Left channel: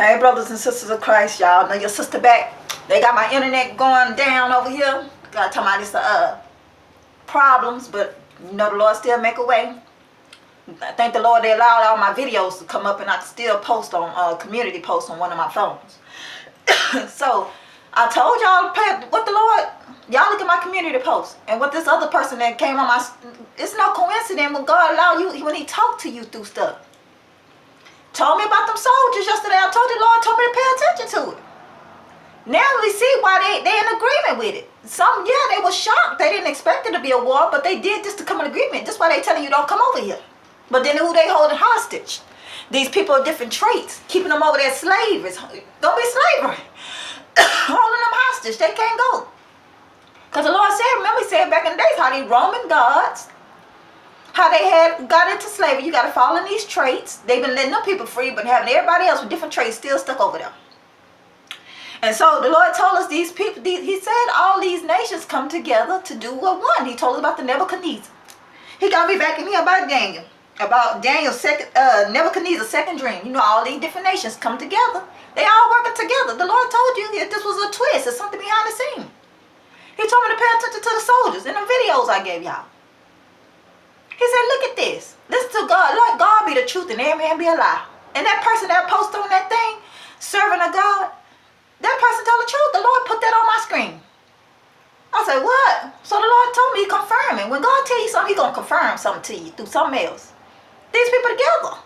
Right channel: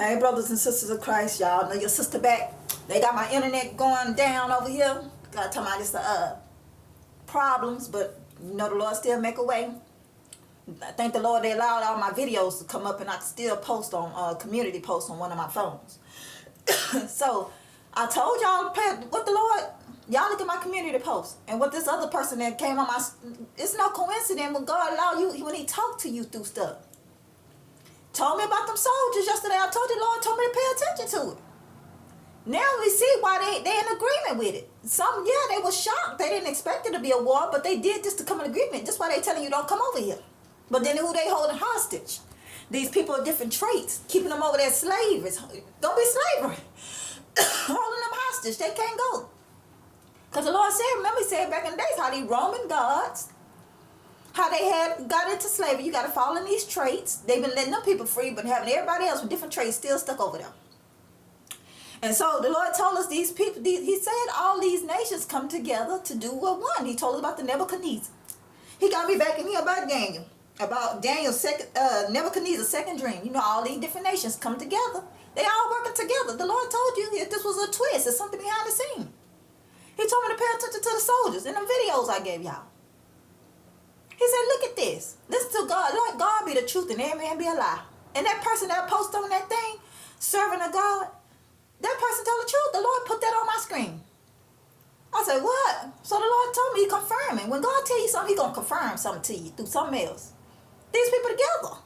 Hey, brothers and sisters of Christ, y'all know your sister back. They got my internet going down over here. Got talking about this problems, but you know the Lord still make a way. I thank the Lord they allowed all my videos to come up and I can still post on community post on one of my phones. So I told y'all what the Lord, y'all look at my community post and what this other person that came on my, it's no coincidence when God allow you, when he talked to you through stuff. Told me about them soldiers yesterday. I told the Lord told me to pay attention to it. Now we see why they in agreement with it. Some, yeah, they were shocked. They didn't expect it to be a war, but they did just to come in agreement. That's why they telling you don't come over here. But then who they holding hostage? These people are different traits. Keeping them over there slaves. Don't be slavery. Holding them hostage. They can't go. Because the Lord said, remember he said back in the days how these Roman gods, how they had got into slavery. You got to follow these traits. They've been letting them people free, but having everybody else with different traits still stuck over there. And so the Lord told us these people, he said all these nations come together to do what one. He told us about the Nebuchadnezzar. He got me back in here about Daniel's second, Nebuchadnezzar's second dream. You know, all these different nations come together. They all working together. The Lord told you that this was a twist. It's something behind the scene. He told me to pay attention to the soldiers in the videos I gave y'all. He said, look at this. Listen to God. Let God be the truth and every man be a lie. And that person that posted on that thing, serving a God, that person told the truth. The Lord put that on my screen. I said, what? So the Lord told me, confirming. When God tell you something, he's going to confirm something to you through something else. These people together.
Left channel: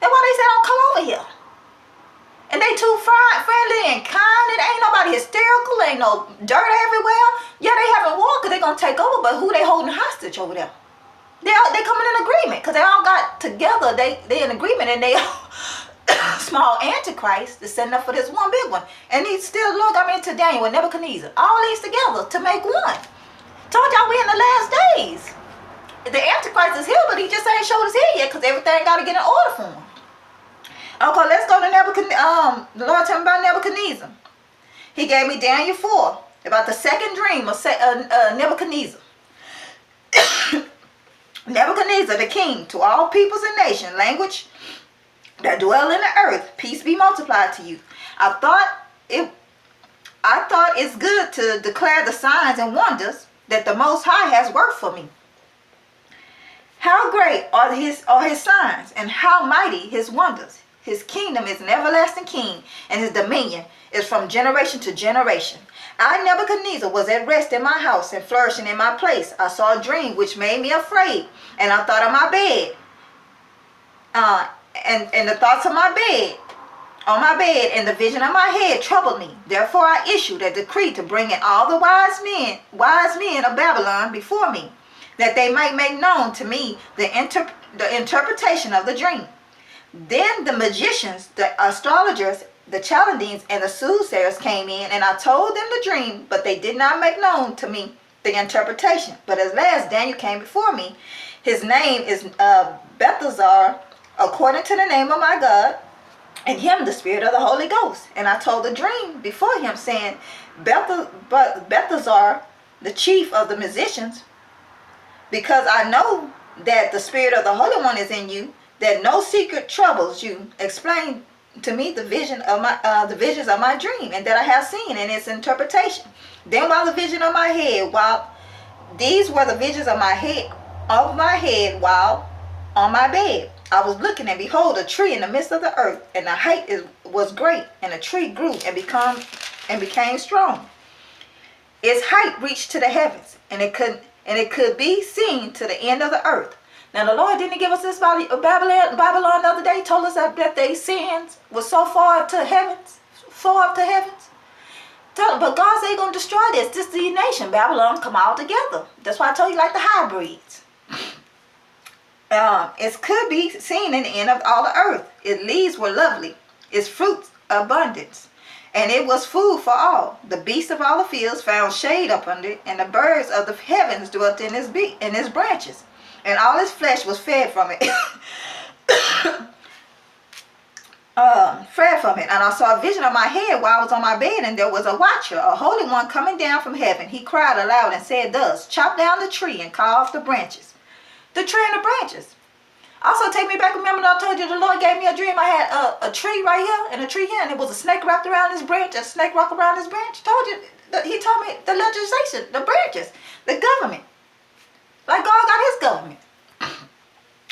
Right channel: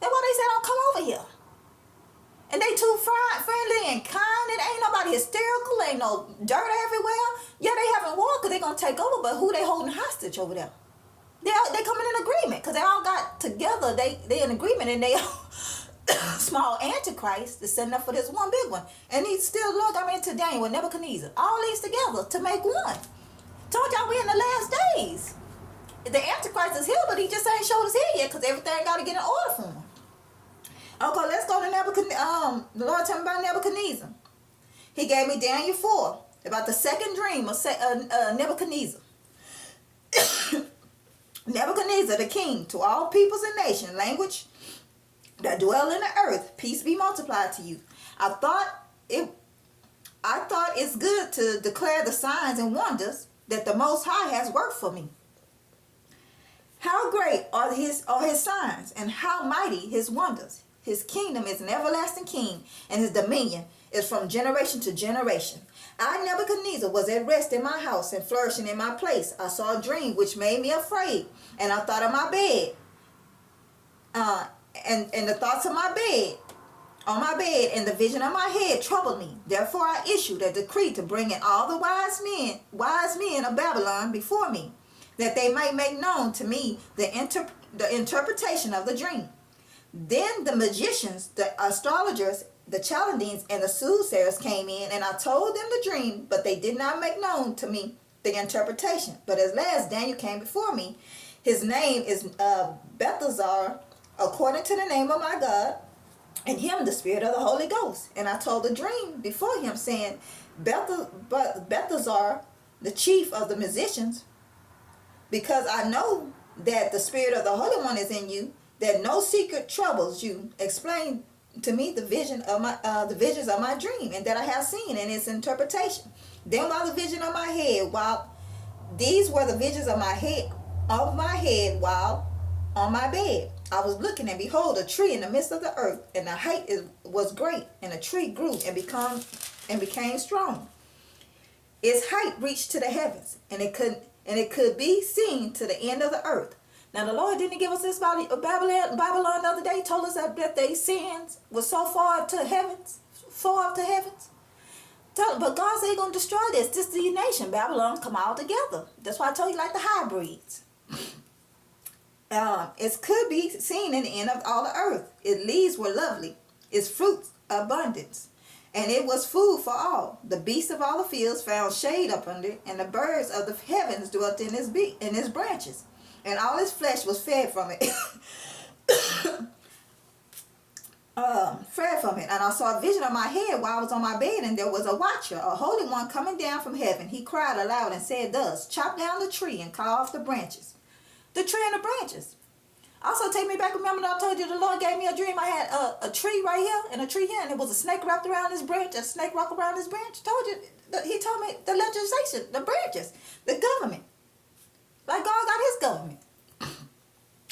That's why they say don't come over here. And they too friendly and kind. And ain't nobody hysterical. Ain't no dirt everywhere. Yeah, they having war because they going to take over. But who they holding hostage over there? They coming in agreement because they all got together. They in agreement and they small antichrist is setting up for this one big one. And he still look, I mean, to Daniel with Nebuchadnezzar. All these together to make one. Told y'all we in the last days. The antichrist is here, but he just ain't showed his head yet because everything got to get in order for him. Okay, let's go to Nebuchadnezzar. The Lord told me about Nebuchadnezzar. He gave me Daniel 4 about the second dream of Nebuchadnezzar. Nebuchadnezzar, the king, to all peoples and nations, language that dwell in the earth, peace be multiplied to you. I thought it's good to declare the signs and wonders that the Most High has worked for me. How great are his signs, and how mighty his wonders. His kingdom is an everlasting king, and his dominion is from generation to generation. I, Nebuchadnezzar, was at rest in my house and flourishing in my place. I saw a dream which made me afraid, and I thought of my bed. And the thoughts of my bed, on my bed, and the vision of my head troubled me. Therefore I issued a decree to bring in all the wise men of Babylon before me, that they might make known to me the interpretation of the dream. Then the magicians, the astrologers, the Chaldeans, and the soothsayers came in, and I told them the dream, but they did not make known to me the interpretation. But at last Daniel came before me. His name is Belteshazzar, according to the name of my God, and him the spirit of the Holy Ghost. And I told the dream before him, saying, Belteshazzar, the chief of the musicians, because I know that the spirit of the Holy One is in you, that no secret troubles you. Explain to me the visions of my dream, and that I have seen in its interpretation. Then while the vision of my head, while these were the visions of my head while on my bed, I was looking, and behold, a tree in the midst of the earth, and the height was great, and the tree grew and became strong. Its height reached to the heavens, and it could be seen to the end of the earth. Now the Lord didn't give us this Babylon the other day. Told us that their sins were so far up to heavens. But God said he's going to destroy this. This is the nation. Babylon come all together. That's why I told you like the hybrids. It could be seen in the end of all the earth. Its leaves were lovely. Its fruits abundance. And it was food for all. The beasts of all the fields found shade up under it, and the birds of the heavens dwelt in its branches. And all his flesh was fed from it. And I saw a vision of my head while I was on my bed, and there was a watcher, a holy one, coming down from heaven. He cried aloud and said thus, chop down the tree and cut off the branches. The tree and the branches. Also, take me back. Remember I told you the Lord gave me a dream. I had a tree right here and a tree here, and it was a snake wrapped around this branch, a snake wrapped around this branch. Told you. He told me the legislation, the branches, the government. Like God got his government.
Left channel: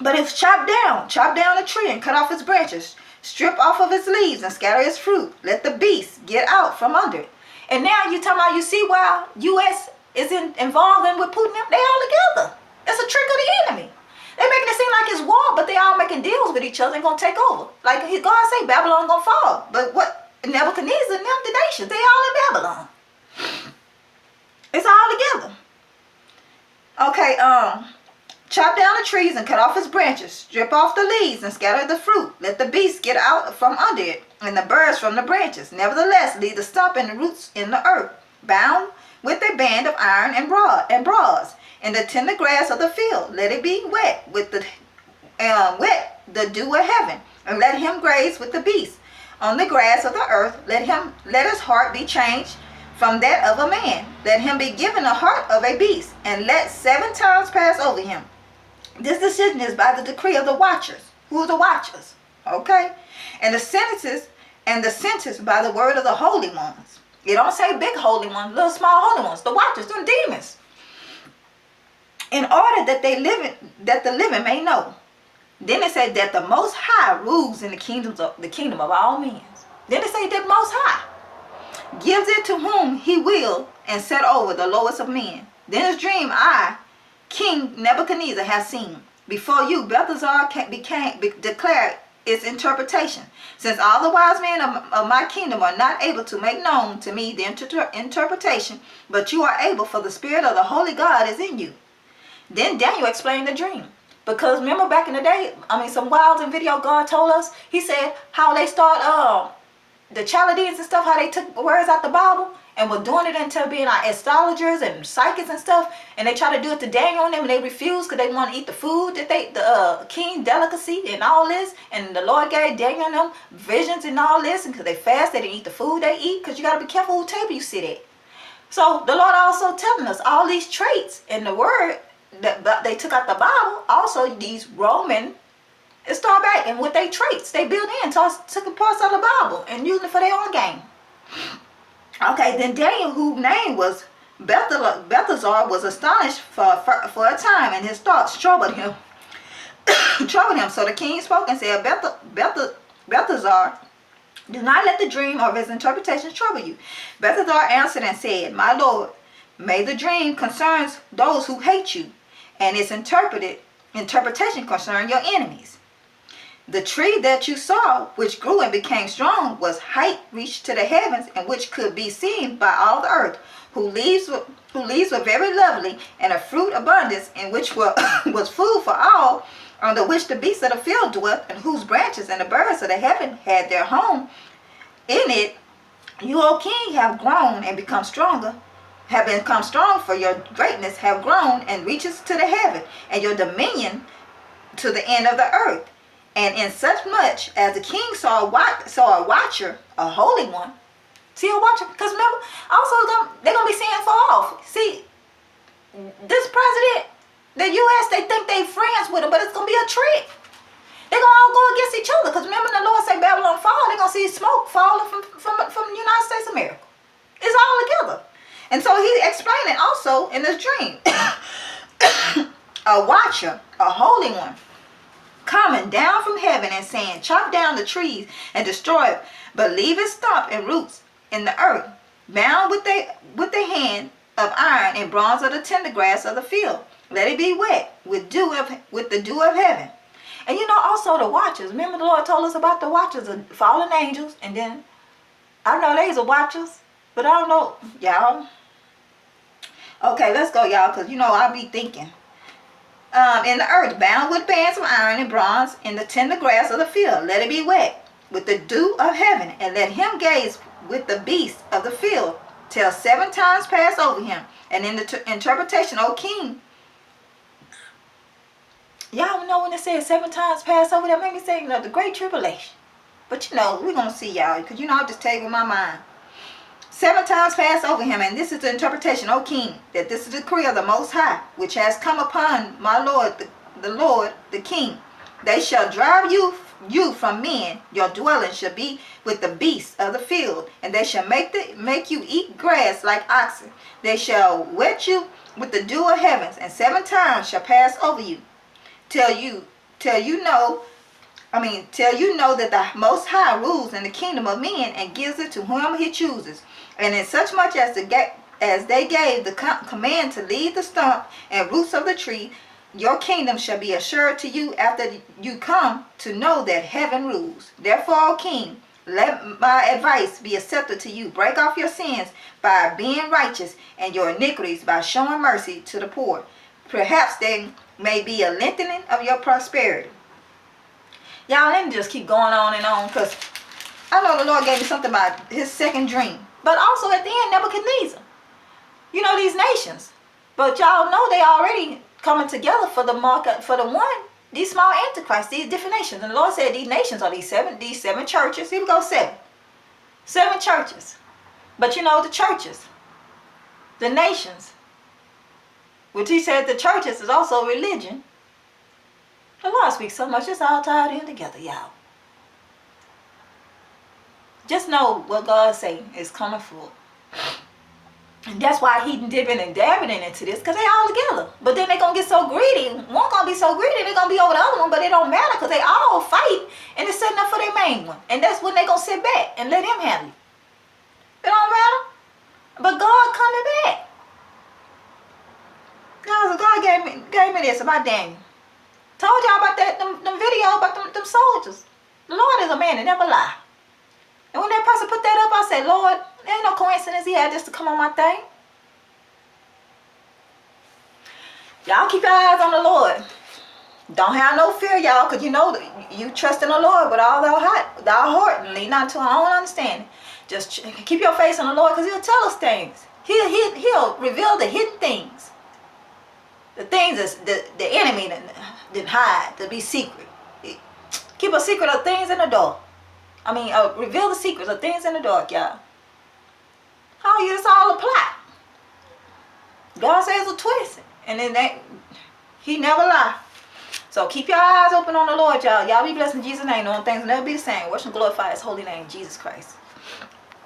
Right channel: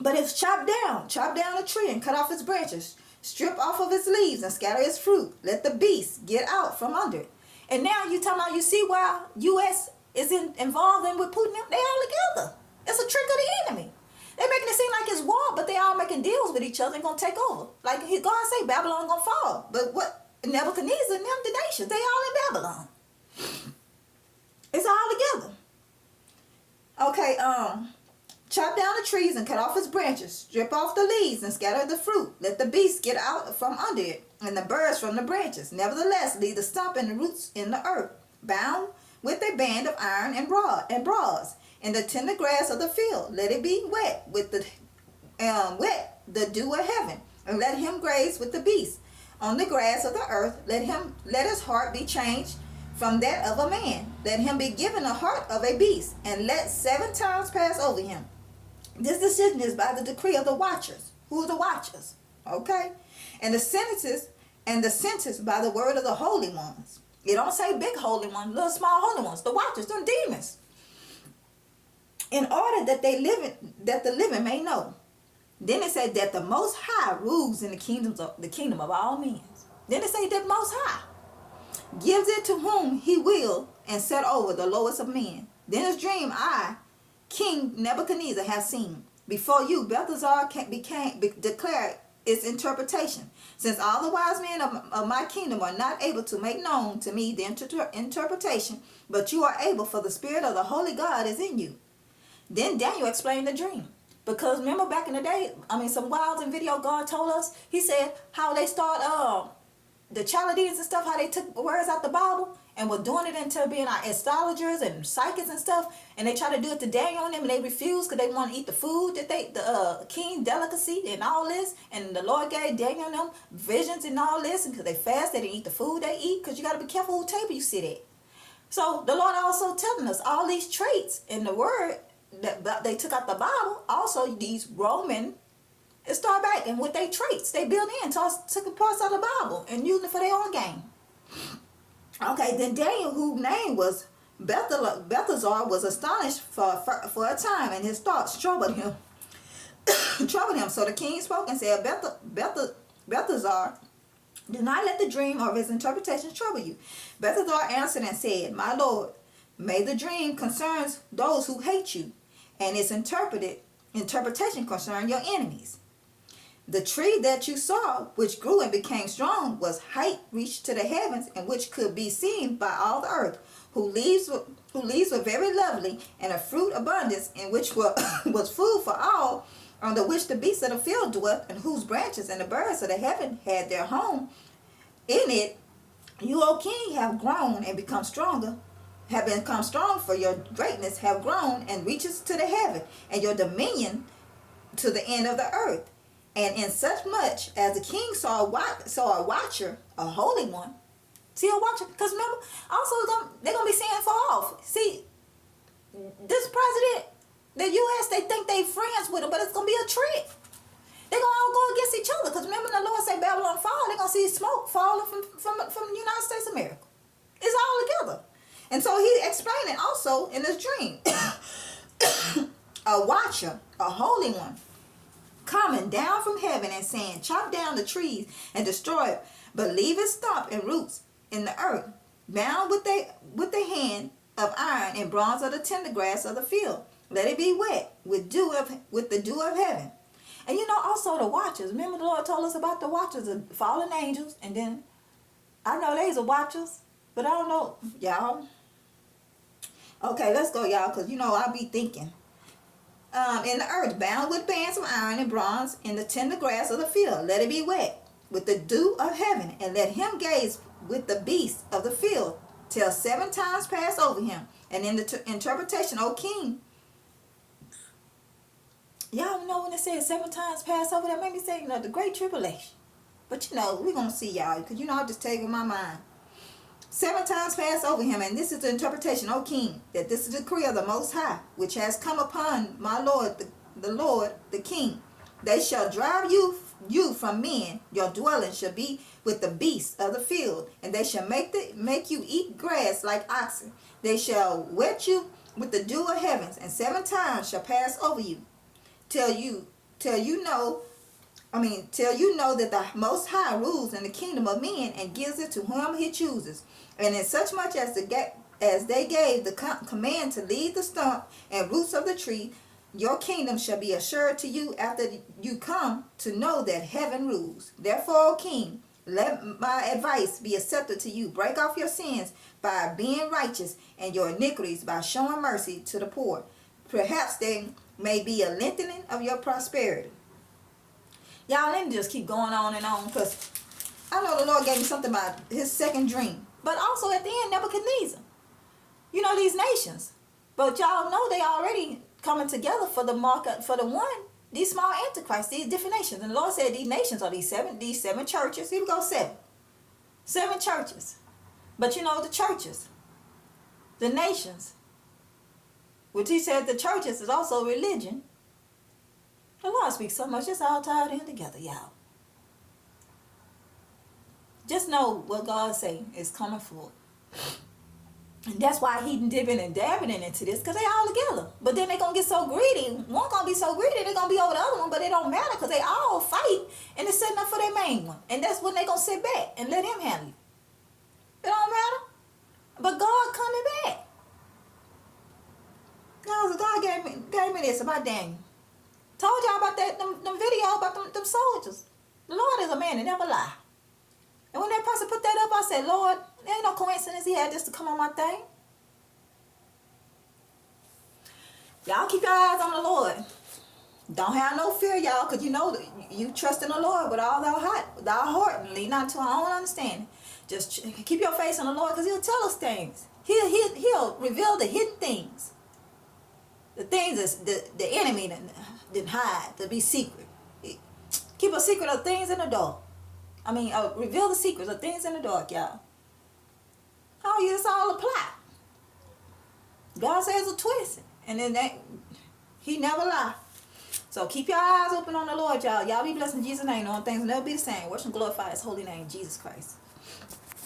But it's chopped down a tree and cut off its branches, strip off of its leaves and scatter its fruit. Let the beasts get out from under it. And now you talking about, you see why U.S. is involved in with Putin? They all together. It's a trick of the enemy. They making it seem like it's war, but they all making deals with each other and gonna take over. Like God say, Babylon gonna fall. But what Nebuchadnezzar and them, the nations, they all in Babylon. It's all together. Okay, chop down the trees and cut off its branches. Strip off the leaves and scatter the fruit. Let the beasts get out from under it, and the birds from the branches. Nevertheless, leave the stump and the roots in the earth, bound with a band of iron and bronze. And the tender grass of the field, let it be wet with the dew of heaven, and let him graze with the beasts. On the grass of the earth, let his heart be changed from that of a man. Let him be given a heart of a beast, and let 7 times pass over him. This decision is by the decree of the watchers. Who are the watchers? Okay? And the sentence by the word of the holy ones. You don't say big holy ones, little small holy ones. The watchers, them demons. In order that the living may know. Then it said that the Most High rules in the kingdom of all men. Then it said that Most High gives it to whom he will, and set over the lowest of men. Then his dream I, King Nebuchadnezzar, have seen. Before you, Belshazzar declared its interpretation. Since all the wise men of my kingdom are not able to make known to me the interpretation, but you are able, for the Spirit of the Holy God is in you. Then Daniel explained the dream. Because remember back in the day, some Wilds in video God told us, he said how they start, the Chaldeans and stuff, how they took words out the Bible and were doing it into being like astrologers and psychics and stuff, and they try to do it to Daniel and them, and they refused because they want to eat the food that the king delicacy and all this, and the Lord gave Daniel and them visions and all this, and because they fast, they didn't eat the food they eat, because you got to be careful who table you sit at. So the Lord also telling us all these traits in the word that they took out the Bible, also these Roman, and start back and with their traits they built in, took parts of the Bible and used it for their own game. Okay, then Daniel, whose name was Belshazzar, was astonished for a time, and his thoughts troubled him. So the king spoke and said, Belshazzar, do not let the dream or his interpretation trouble you. Belshazzar answered and said, my lord, may the dream concerns those who hate you, and its interpretation concern your enemies. The tree that you saw, which grew and became strong, was height reached to the heavens, and which could be seen by all the earth, whose leaves were very lovely, and a fruit abundance, and which was food for all, under which the beasts of the field dwelt, and whose branches and the birds of the heaven had their home. In it, you, O king, have grown and become stronger, have become strong, for your greatness have grown and reaches to the heaven, and your dominion to the end of the earth. And in such much as the king saw a watcher, a holy one. See a watcher? Because remember, also they're going to be seeing far off. See, this president, the U.S., they think they friends with him, but it's going to be a trick. They're going to all go against each other. Because remember the Lord said Babylon fall, they're going to see smoke falling from the United States of America. It's all together. And so he explained it also in this dream. A watcher, a holy one, coming down from heaven and saying, chop down the trees and destroy it, but leave its stump and roots in the earth, bound with the hand of iron and bronze of the tender grass of the field. Let it be wet with the dew of heaven. And also the watchers. Remember the Lord told us about the watchers, the fallen angels, and then, I know these are watchers, but I don't know, y'all. Okay, let's go, y'all, because, I'll be thinking. In the earth, bound with bands of iron and bronze, in the tender grass of the field. Let it be wet with the dew of heaven, and let him gaze with the beasts of the field, till 7 times pass over him. And in the interpretation, O king, y'all know when it says 7 times pass over, that made me say, the great tribulation. But we're going to see, y'all, because I'll just tell you with my mind. 7 times pass over him, and this is the interpretation, O king, that this is the decree of the Most High, which has come upon my lord, the king, They shall drive you from men. Your dwelling shall be with the beasts of the field, and they shall make you eat grass like oxen. They shall wet you with the dew of heavens, and 7 times shall pass over you, till you know that the Most High rules in the kingdom of men and gives it to whom he chooses. And in such much as they gave the command to leave the stump and roots of the tree, your kingdom shall be assured to you after you come to know that heaven rules. Therefore, O king, let my advice be accepted to you. Break off your sins by being righteous, and your iniquities by showing mercy to the poor. Perhaps there may be a lengthening of your prosperity. Y'all, let me just keep going on and on, because I know the Lord gave me something about his second dream. But also at the end, Nebuchadnezzar. You know, these nations. But y'all know they already coming together for the market, for the one, these small antichrists, these different nations. And the Lord said these nations are these seven churches. Here we go, 7. 7 churches. But you know, the churches, the nations, which he said the churches is also religion. The Lord speaks so much, it's all tied in together, y'all. Just know what God say is coming forth. And that's why he dipping and dabbing into this, because they all together. But then they're going to get so greedy. One going to be so greedy, they're going to be over the other one, but it don't matter, because they all fight, and they're setting up for their main one. And that's when they're going to sit back and let him handle it. It don't matter. But God coming back. God gave me this about Daniel. Told y'all about that, them video about them soldiers. The Lord is a man that never lie. And when that person put that up, I said, Lord, there ain't no coincidence he had just to come on my thing. Y'all keep your eyes on the Lord. Don't have no fear, y'all, because you know you trust in the Lord with all our heart and lean not to our own understanding. Just keep your face on the Lord, because he'll tell us things. He'll reveal the hidden things. The things that the enemy didn't hide, to be secret. Keep a secret of things in the dark. Reveal the secrets of things in the dark, y'all. How you, it's all a plot. God says a twist. And then he never lie. So keep your eyes open on the Lord, y'all. Y'all be blessed in Jesus' name. No one things will never be the same. Worship and glorify his holy name, Jesus Christ.